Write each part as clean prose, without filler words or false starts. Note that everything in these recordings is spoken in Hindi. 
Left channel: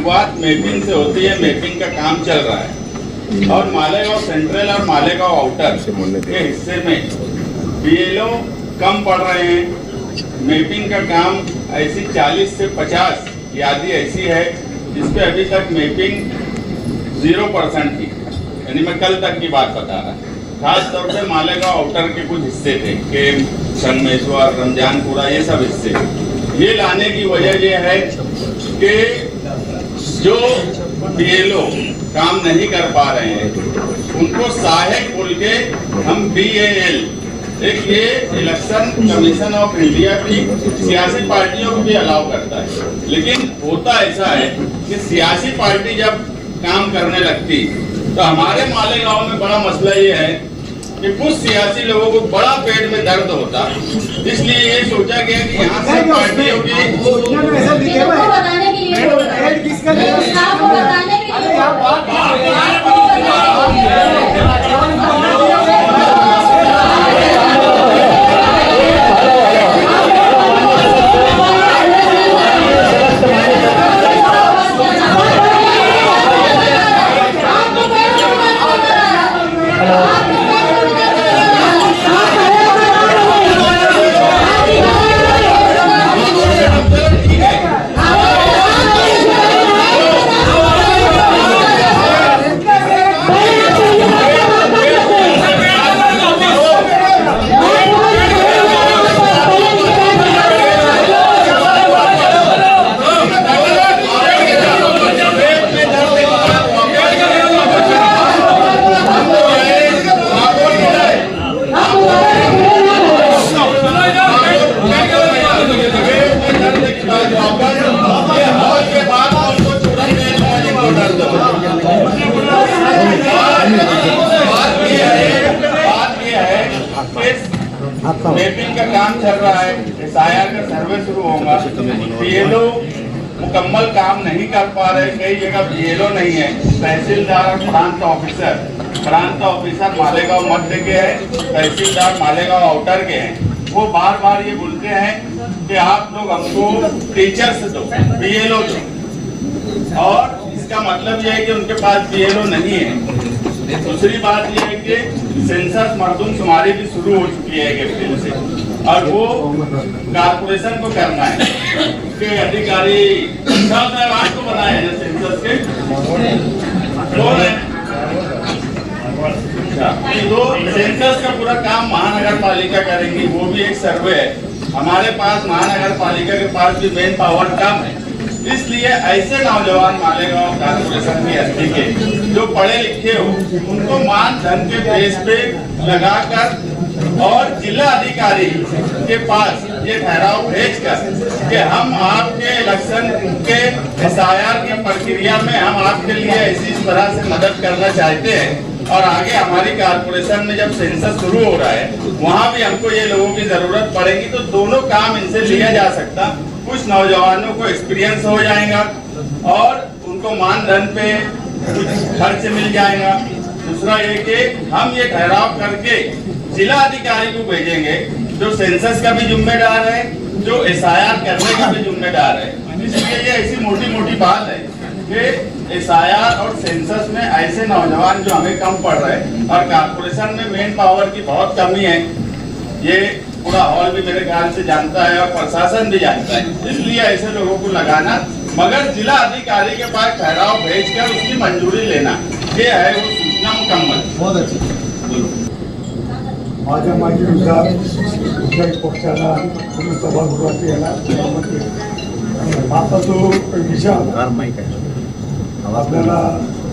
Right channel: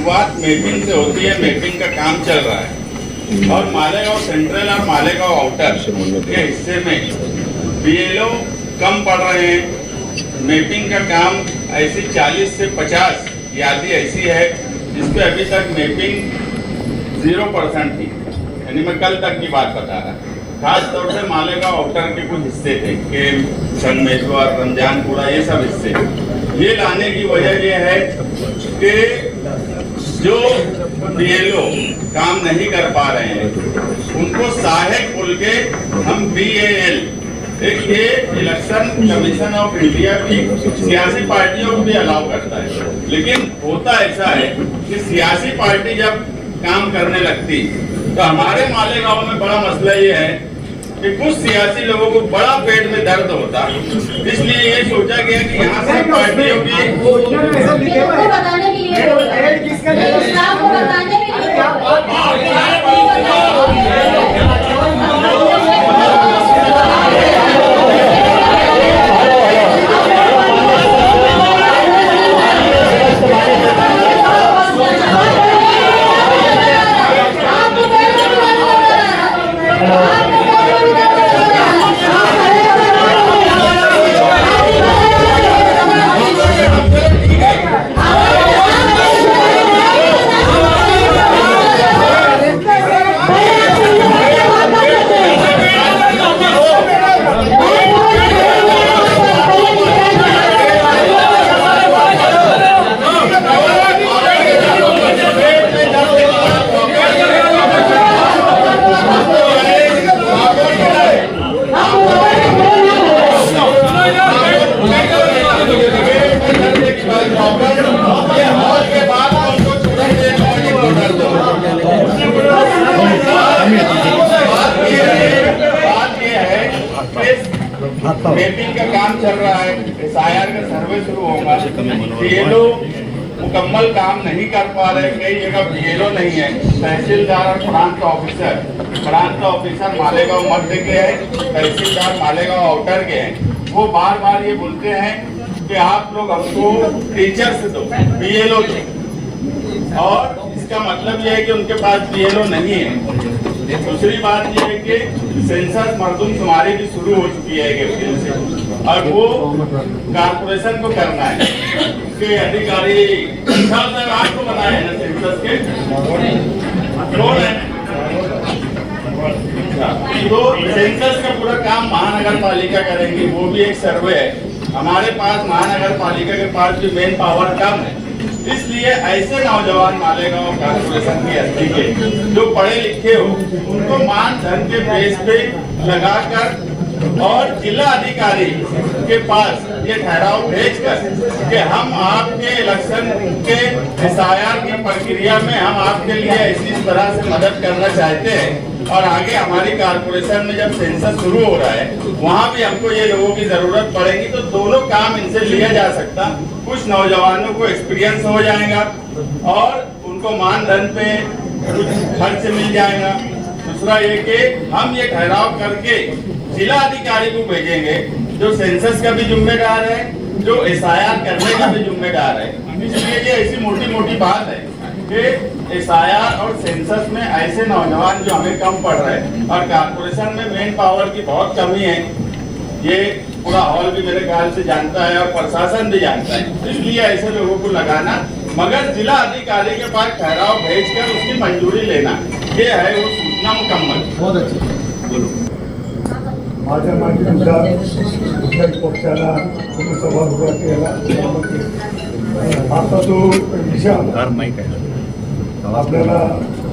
शुरुआत मैपिंग से होती है। मैपिंग का काम चल रहा है और मालेगांव सेंट्रल और मालेगांव आउटर के हिस्से में बीएलओ कम पड़ रहे हैं। मैपिंग का काम ऐसी 40 से 50 यादी ऐसी है जिसपे अभी तक मैपिंग 0% थी। यानी मैं कल तक की बात बता रहा। खास तौर से मालेगांव आउटर के कुछ हिस्से थे कि संगमेश्वर, रमजानपुरा, ये सब हिस्से। ये लाने की वजह ये है कि जो बीएलओ काम नहीं कर पा रहे हैं उनको सहायक बोल के हम BAL, एक ये इलेक्शन कमीशन ऑफ इंडिया की सियासी पार्टियों को भी अलाउ करता है। लेकिन होता ऐसा है कि सियासी पार्टी जब काम करने लगती तो हमारे मालेगांव में बड़ा मसला ये है कि कुछ सियासी लोगों को बड़ा पेट में दर्द होता, इसलिए ये सोचा गया कि यहाँ से पार्टियों मैपिंग का काम चल रहा है। SIR का सर्वे शुरू होगा। BLO मुकम्मल काम नहीं कर पा रहे, कई जगह BLO नहीं है। तहसीलदार और प्रांत ऑफिसर मालेगांव मध्य के हैं, तहसीलदार मालेगांव आउटर के हैं। वो बार बार ये बोलते हैं कि आप लोग हमको टीचर्स दो, BLO दो, और इसका मतलब यह है कि उनके पास BLO नहीं है। दूसरी बात यह है कि सेंसस मरदमशुमारी भी शुरू हो चुकी है एक अप्रैल से, और वो कारपोरेशन को करना है कि अधिकारी साहब आपको बताया है ना सेंसस के तो सेंसस का पूरा काम महानगर पालिका करेंगी। वो भी एक सर्वे है। हमारे पास महानगर पालिका के पास भी मेन पावर कम है, इसलिए ऐसे नौजवान मालेगांव कारपोरेशन की हस्ती के जो पढ़े लिखे हो उनको मानधन के बेस पे लगाकर और जिला अधिकारी के पास ये ठहराव भेजकर कि हम आपके इलेक्शन के SIR की प्रक्रिया में हम आपके लिए ऐसी इस तरह से मदद करना चाहते हैं, और आगे हमारी कारपोरेशन में जब सेंसस शुरू हो रहा है वहाँ भी हमको ये लोगों की जरूरत पड़ेगी, तो दोनों काम इनसे लिया जा सकता। कुछ नौजवानों को एक्सपीरियंस हो जाएगा और उनको मानधन पे कुछ खर्च मिल जाएगा। दूसरा ये कि हम ये ठहराव करके जिला अधिकारी को भेजेंगे जो सेंसस का भी जिम्मेदार है, जो SIR करने का भी जिम्मेदार है। इसलिए ये ऐसी मोटी मोटी बात है कि SIR और सेंसस में ऐसे नौजवान जो हमें कम पड़ रहे हैं, और कारपोरेशन में मेन पावर की बहुत कमी है। ये पूरा हॉल भी मेरे ख्याल से जानता है और प्रशासन भी जानता है, इसलिए ऐसे लोगों को लगाना, मगर जिला अधिकारी के पास ठहराव भेजकर उसकी मंजूरी लेना, ये है वो सूचना मुकम्मल। बहुत अच्छा बोलो। माझ्या माध्यमातून कुठल्याही पक्षाला तुम्ही सभागृहात यायला आता तो विषय आपल्याला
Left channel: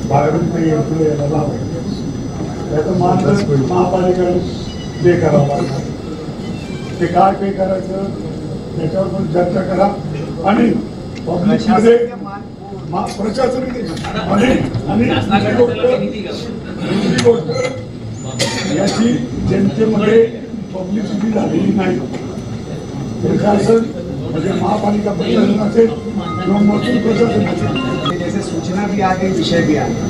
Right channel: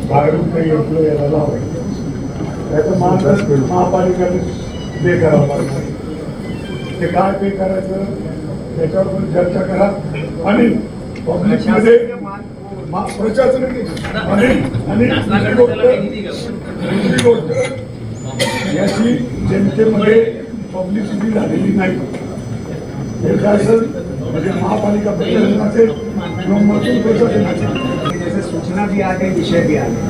बाहेरून काही एम्प्लॉय यायला लावायचं, त्याचं महापालिकेने पे करावं लागतं। ते काय पे करायचं त्याच्यावर पण चर्चा करा, आणि पब्लिकमध्ये प्रशासनाने दुसरी गोष्ट याची जनतेमध्ये पब्लिसिटी झालेली नाही। प्रशासन म्हणजे महापालिका प्रशासन असेल किंवा महसूल प्रशासन असेल, जैसे सूचना भी आ गई, विषय भी आ गया,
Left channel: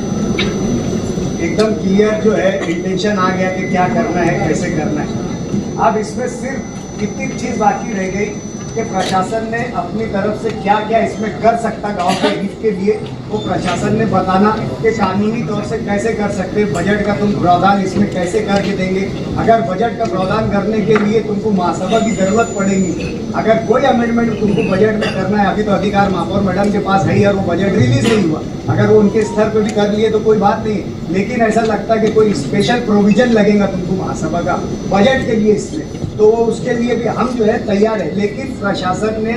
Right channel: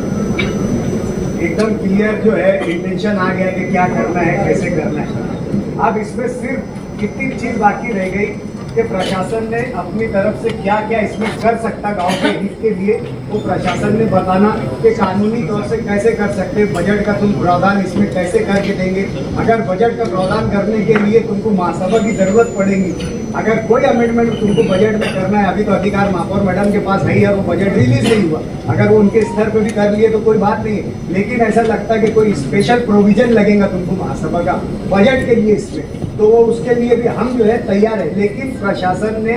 एकदम क्लियर जो है इंटेंशन आ गया कि क्या करना है, कैसे करना है। अब इसमें सिर्फ कितनी चीज बाकी रह गई कि प्रशासन ने अपनी तरफ से क्या क्या इसमें कर सकता गांव के हित के लिए, वो प्रशासन ने बताना कि कानूनी तौर से कैसे कर सकते, बजट का तुम प्रावधान इसमें कैसे करके देंगे। अगर बजट का प्रावधान करने के लिए तुमको महासभा की जरूरत पड़ेगी, अगर कोई अमेंडमेंट तुमको बजट में करना है, अभी तो अधिकार महापौर मैडम के पास है ही और वो बजट रिलीज नहीं हुआ, अगर वो उनके स्तर पर भी कर लिए तो कोई बात नहीं, लेकिन ऐसा लगता है कि कोई स्पेशल प्रोविजन लगेगा तुमको महासभा का बजट के लिए इसमें, तो वो उसके लिए भी हम जो है तैयार है। लेकिन प्रशासन ने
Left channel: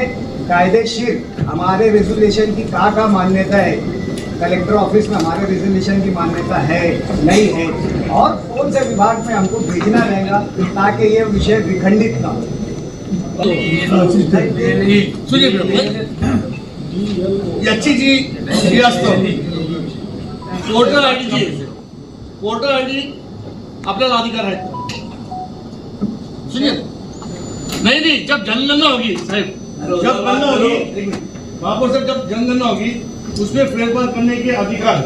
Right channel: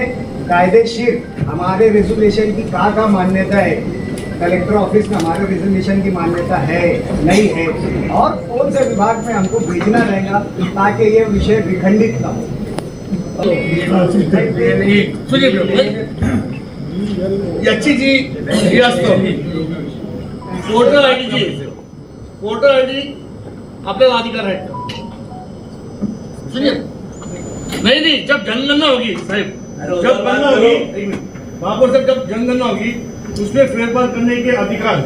कायदेशीर हमारे रेजोल्यूशन की का मान्यता है, कलेक्टर ऑफिस में हमारे रेजोल्यूशन की मान्यता है नहीं है, और कौन से विभाग में हमको भेजना रहेगा ताकि ये विषय विखंडित ना हो। याची जी ही असतं voter I D G voter I D आपल्याला अधिकार आहेत का? सुनिए नहीं जब जनगणना होगी साहब, जब गणना होगी महापौर साहब, जब जनगणना होगी उसमें फेरफार करने के अधिकार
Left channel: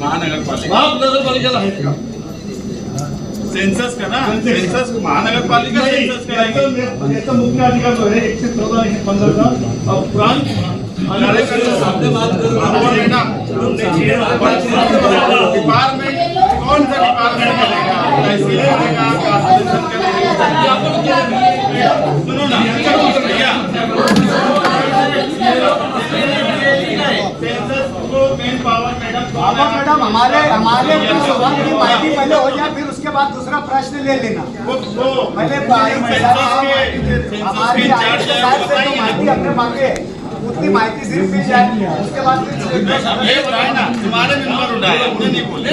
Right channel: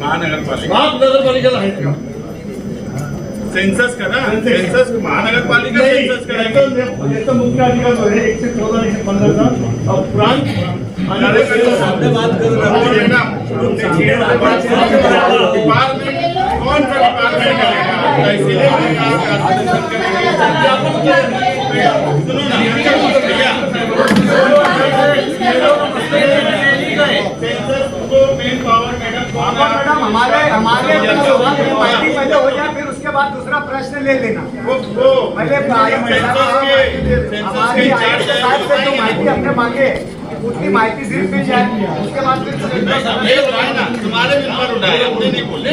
महानगरपालिका महानगरपालिकेला आहेत का? सेन्सस करा, सेन्सस महानगरपालिका सेन्सस कराएगी। याचा मुख्य अधिकार जो आहे 114 115 उपरांत डिपार्टमेंट कौन सा डिपार्टमेंट करेगा, तहसील करेगा, कॉर्पोरेशन करेगा, सुनो ना भैया, सेंसस को मेन पावर मैडम हमारे माहिती पहले हो जाए, फिर उसके बाद दूसरा प्रश्न ले लेना। पहले हमारी आयुक्त साहब से जो माहिती अपने मांगे उतनी माहिती सिर्फ मिल जाए, उसके बाद फिर तुम्हारे नंबर उठाए, हमने नहीं बोले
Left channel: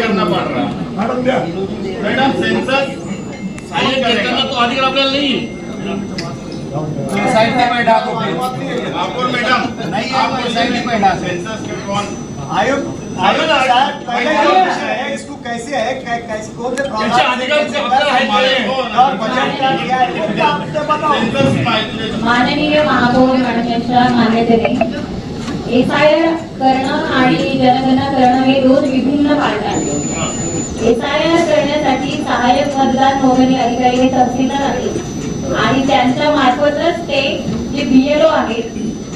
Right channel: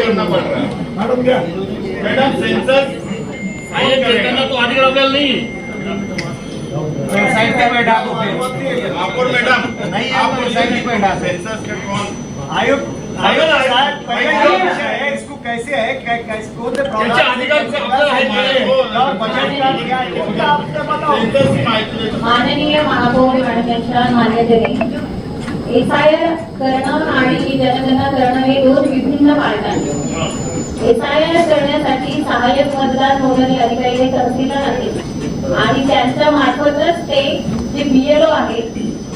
करना पड़ रहा है। मॅडम द्या. मैडम सेंसस साहेब करताना तो अधिकार आपल्याला नाही महापौर मैडम नहीं, आप सेंसस का कौन आयुक्त साहब पहले जो विषय है इसको कैसे है, कैसे कौन से प्रावधान से कैसे कर सकते हैं और बजट का क्या है क्या आपसे बताओ। सेंसस की माहिती देतो। माननीय महापौर मॅडमच्या मान्यतेने एसआयआर करणं आणि जनगणना करणं हे दोन विभिन्न पार्ट आहेत। एसआयआर करण्यासाठी सहाय्यक मतदार नोंदणी अधिकारी हे तहसीलदार आहेत आणि त्यांच्या मार्फतच ते जे बीएलओ आहेत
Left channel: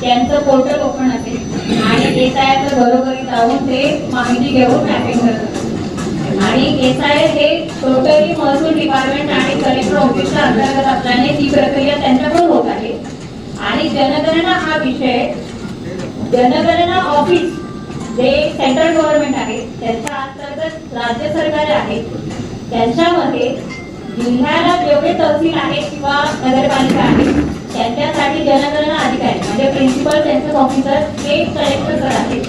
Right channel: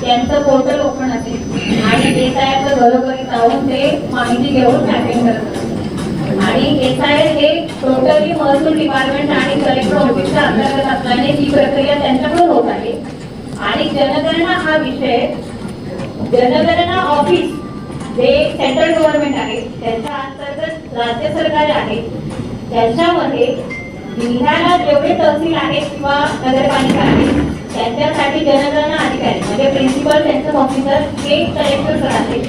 त्यांचं पोर्टल ओपन असेल आणि एसआयआरचं घरोघरी जाऊन ते माहिती घेऊन ट्रॅकिंग करतात आणि एसआयआर हे टोटली महसूल डिपार्टमेंट आणि कलेक्टर ऑफिसच्या अंतर्गत असल्याने ही प्रक्रिया त्यांच्याकडून होत आहे। आणि जनगणना हा विषय जनगणना ऑफिस जे सेंट्रल गव्हर्नमेंट आहे त्यांच्या अंतर्गत राज्य सरकार आहे, त्यांच्यामध्ये जिल्ह्याला जेवढे तहसील आहेत किंवा नगरपालिका आहेत त्यांच्यासाठी जनगणना अधिकारी म्हणजे प्रिन्सिपल सेन्सस ऑफिसर हे कलेक्टर आहेत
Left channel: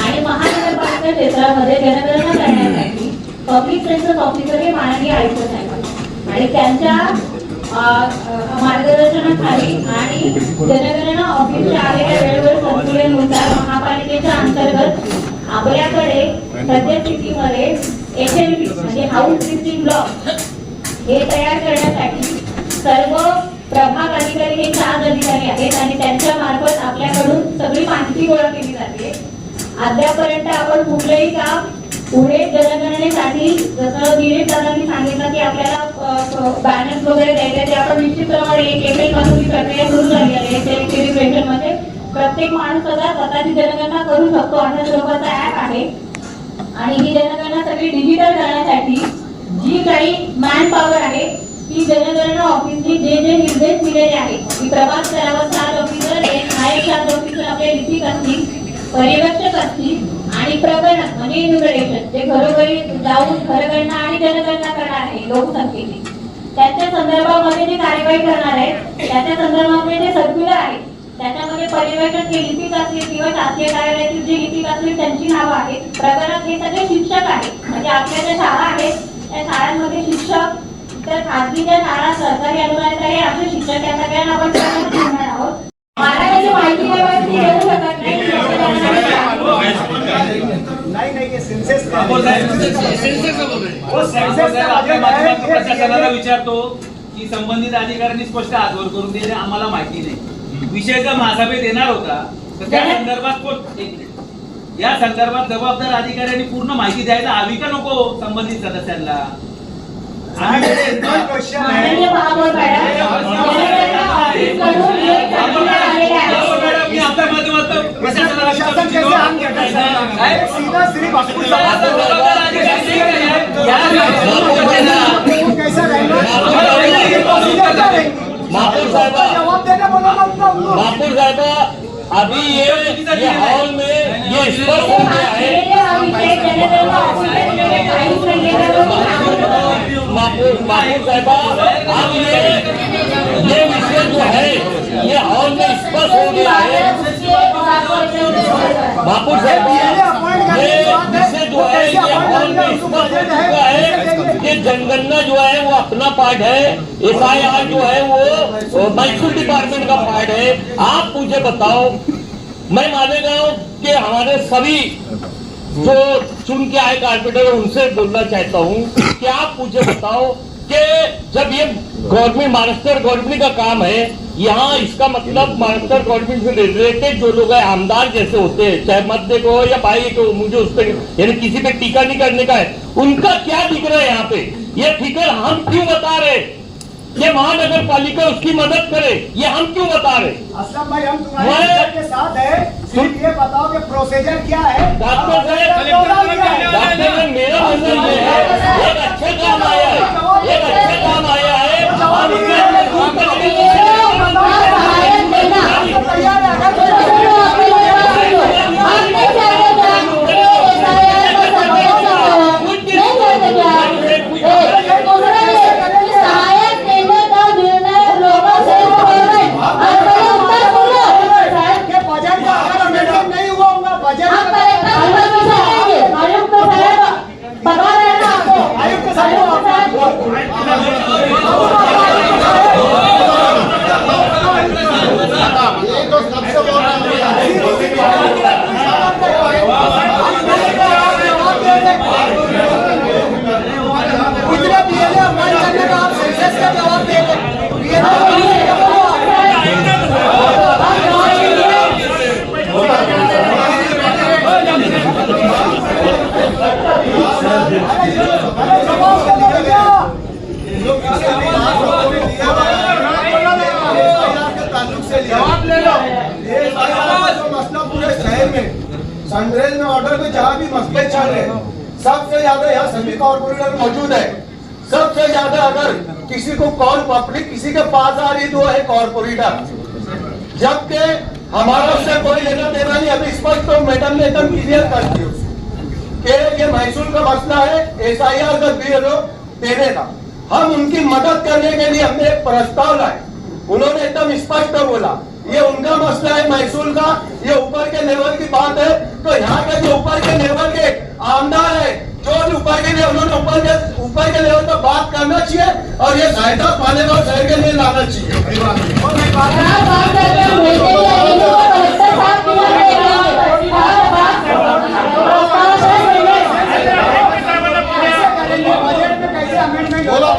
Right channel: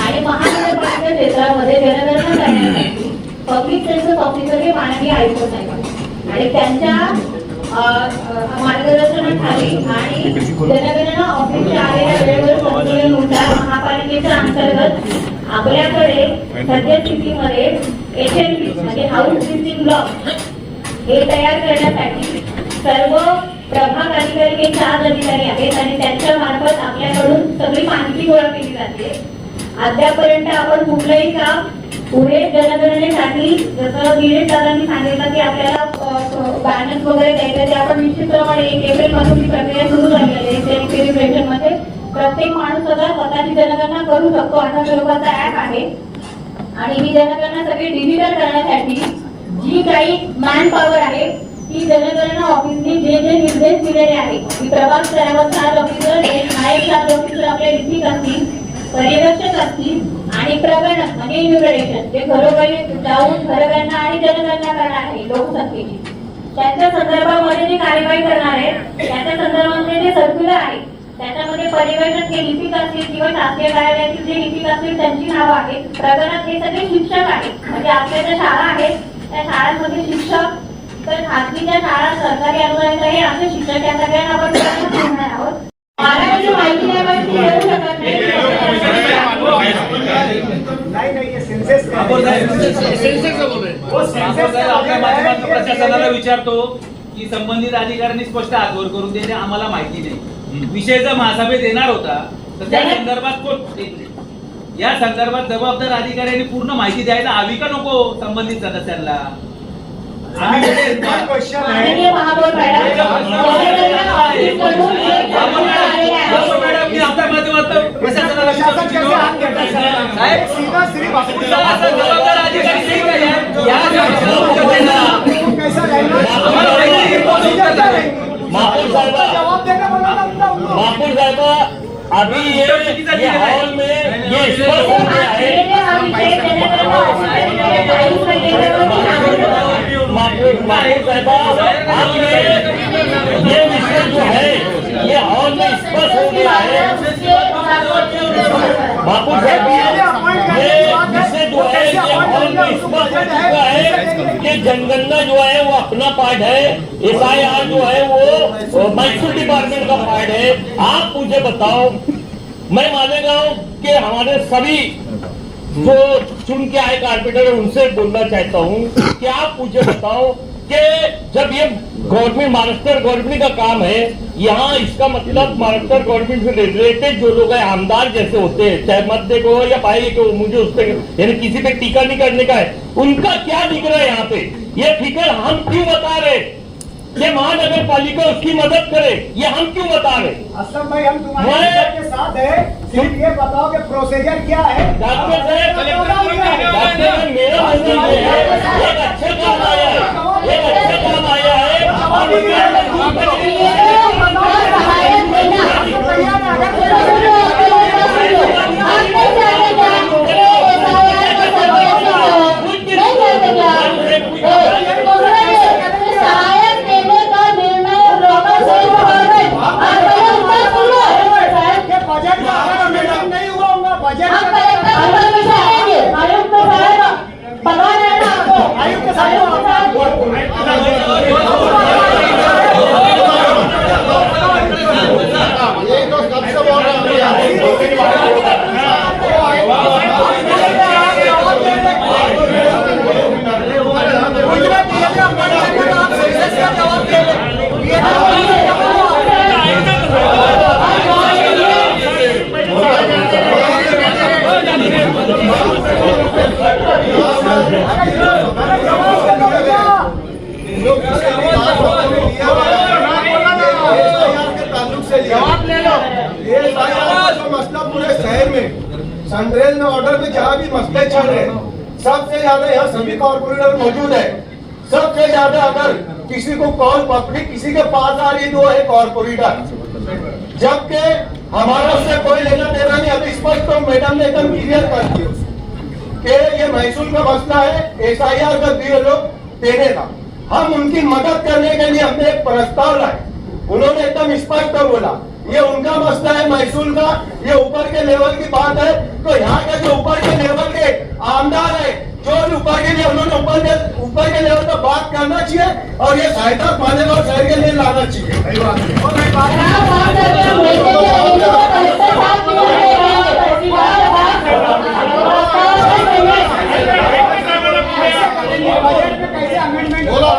आणि महानगरपालिका क्षेत्रामध्ये जनगणना करण्यासाठी पब्लिक सेन्सस ऑफिसर हे माननीय आयुक्त साहेब आणि त्यांच्या मार्गदर्शनाखाली आणि जनगणना ऑफिसच्या आलेल्या वेळेवर संशोधनानुसार महापालिकेच्या अंतर्गत आपल्याकडे सद्यस्थितीमध्ये HLP म्हणजे हाऊस लिस्टिंग ब्लॉक हे तयार करण्यासाठी सर्व प्रभाग अधिकारी हे 4 अधिकारी आहेत आणि त्यांच्या मार्फत आपल्याकडून सगळी माहिती गोळा केली जाते। अद्यापर्यंत आपण कुठलेही काम पुढे जनगणनेसाठी जसं गिरीश दादांनी सांगितलं की आपल्याला बॅनर्स वगैरे द्यायचे ते आपण निश्चितप्रमाणे 1 एप्रिल पासून ही प्रक्रिया सुरू झाली आहे। सेलिब्रेशन मध्ये प्रत्येक माणूस स्वतःची जनगणना करू शकतो अशा स्वरूपाचा ऍप आहे आणि ही जनगणना सगळी डिजिटल करण्यासाठी जी काही मॅन पॉवर आहे ती जनगणना ऑफिसनी जे निर्देश दिलेले आहेत की प्रभाग स्तरावर 7 ऑफिसर नायब 7 ऑफिसर आपले लिपिक असतील, पर्यवेक्षक असतील आणि प्रगणक म्हणजे इन्युमरेशन जे घरोघरी जाऊन घरगणना आणि जनगणना करणार आहे लोकसंख्येची त्याच्या संदर्भामध्ये जी कार्यवाही करणार आहे त्याच्या संदर्भामध्ये जे सर्क्युलर आहे त्याच्यामध्ये पर्यवेक्षक जे लिपिक असतील किंवा शासकीय कार्यालयातील जे लिपिक असतील त्यांची नावं आहेत, प्रगणक हे सगळे शिक्षक आहेत म्हणजे आपल्या ज्या शाळा आहेत त्या शाळांमध्ये शिक्षक, तर खासगी ज्या शाळा सरकारी अनुदानित आहे असे शिक्षक या सगळ्यांना आपण ठेवणार आहोत। महाराष्ट्राची माहिती देऊ शकत नाही ये सेन्सस प्रशासनाला विचारतो की संबंधित अधिकाऱ्यांनी स्पष्ट आजवर करून देणे आम्हाला माहिती नाही। विषय जर महासभेत येणार होता तर त्या संदर्भात या संदर्भात जबाबदार अधिकाऱ्यांनी पूर्ण माहिती द्यायला हवी का नको संबंधित सदस्यांना? क्वेश्चन है माननीय महापौर मॅडम मॅडम मी आपल्या माध्यमातून इसमें प्रशासन कैसे हाथ देता है सर? सीधा सिर्फ आपको जबाबदार अधिकारी नहीं है आपको कैसा रहेगा प्रोसीजर क्या रहेगी जवाब देना बोला था उनको महापौर साहिबा अभी ये हॉल में ये स्पष्ट हो गया है महापौर साहिबा अब ये विषय जो है ये हॉल में स्पष्ट हो गया है महापौर साहिबा ये विषय जो है ये हॉल में स्पष्ट हो चुका है कि जनगणना जो है वो अपना पार्ट है, SIR जो है वो मैसूर डिपार्टमेंट का पार्ट है। आप मुझे बताओ, मैं मालेगांव के हमारे सभी जो चुन के आए कारपोरेटर उनसे बोलना चाहता हूँ कि आप मुझे बताओ कि जब ये गवर्नमेंट महाराष्ट्र गवर्नमेंट का काम है, यहाँ इसका मतलब महाराष्ट्र गवर्नमेंट से रिलेटेड जो लोग हैं आमदार जैसे होते हैं, चाहे मध्य को या पाई को, मुझे उस पर यानी किसी पे टीका नहीं करने का है, उनका क्या दिख रहा है यहाँ पे? ये फिक्र हम क्यों बता रहे ये महानगर पालिका उसकी मदद करे, ये हम क्यों बता रहे? असलम भाई हम तुम्हारे मित्र के साथ है, सिर्फ ये बताओ कि प्रोसीजर क्या है। डॉक्टर साहब मेरा मतलब ये है, एक अच्छा काम आया है, एक अच्छा काम आया है। बजट का अगर नहीं हुआ होगा बजट आयुक्त ये तो सबसे बोल आप सही से जवाब मसला पूरे शहर में सनरेज में ऑर्डर में जहाँ भी मसले चल रहे हैं, सबसे ज्यादा यहाँ सभी कॉर्पोरेटर मौजूद है। सबसे ज्यादा अगर किसी को कॉल पब्लिक किसी के पास आ रही तो है कॉर्पोरेटर, जबकि हमारा उससे कोई लेना देना नहीं। अभी स्पष्ट तो मैडम ने एकदम क्लियर कर दी कि ये महसूल का मसला है, SIR का बिल देने का। हम उनकी मदद करने के लिए हमने एक प्रस्ताव लाए, उन्होंने एकदम स्पष्ट बोला ये उनका मसला है महसूल का, ये ऊपर के लेवल की बात है। तो यहाँ के जो ऊपर के लेवल के आमदार है, जो ऊपर के लिए उन्होंने ऊपर के लेवल पर बात करना चाहिए और ये सहायता मालेगांव शहर के लिए लाना चाहिए। बोला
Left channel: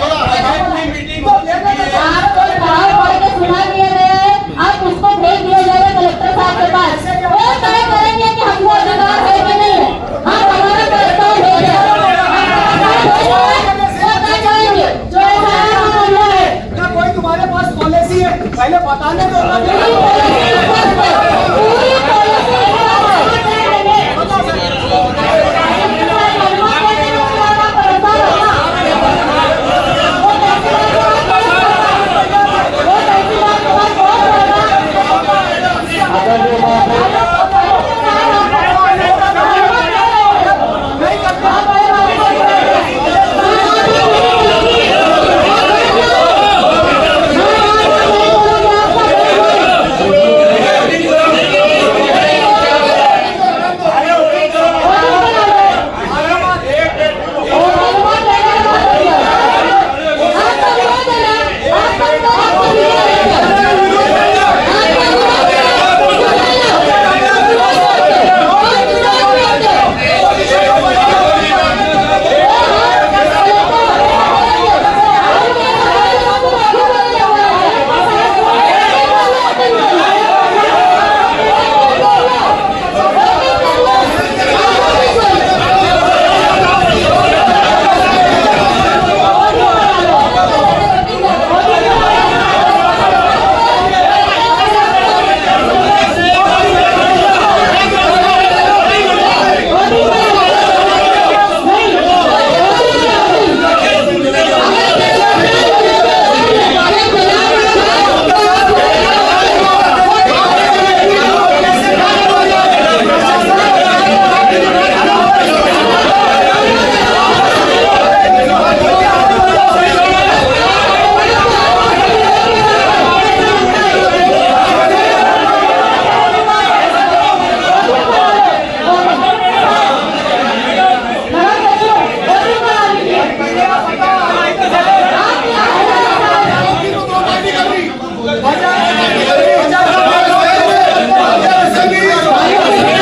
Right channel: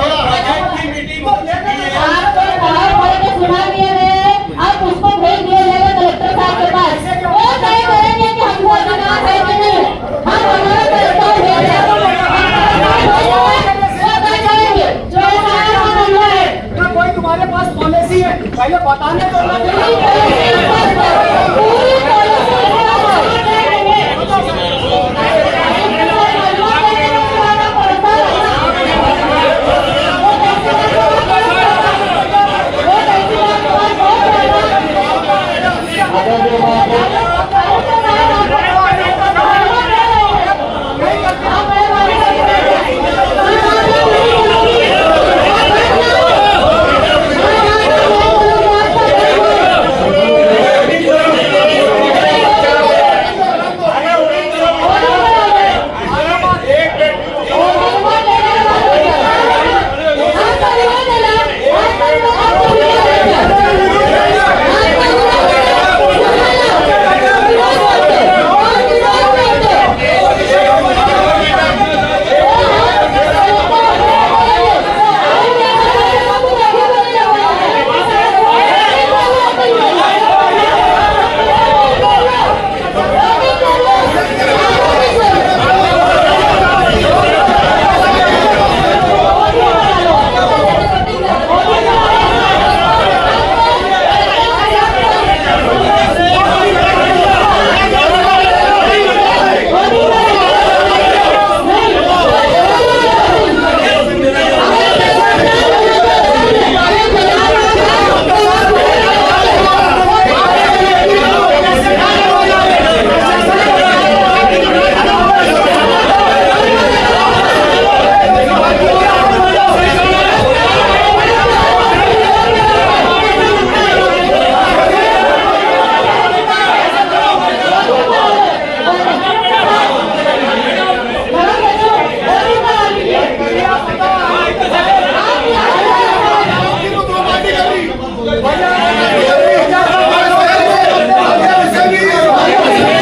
सुना दिया गया है, अब उसको भेज दिया जाएगा कलेक्टर साहब के पास। वो तय करेंगे कि हमको अधिकार है कि नहीं। हम हमारा प्रस्ताव दे रहे हैं, क्या कोई तुम्हारे पास पॉलिसी है? पहले बताने है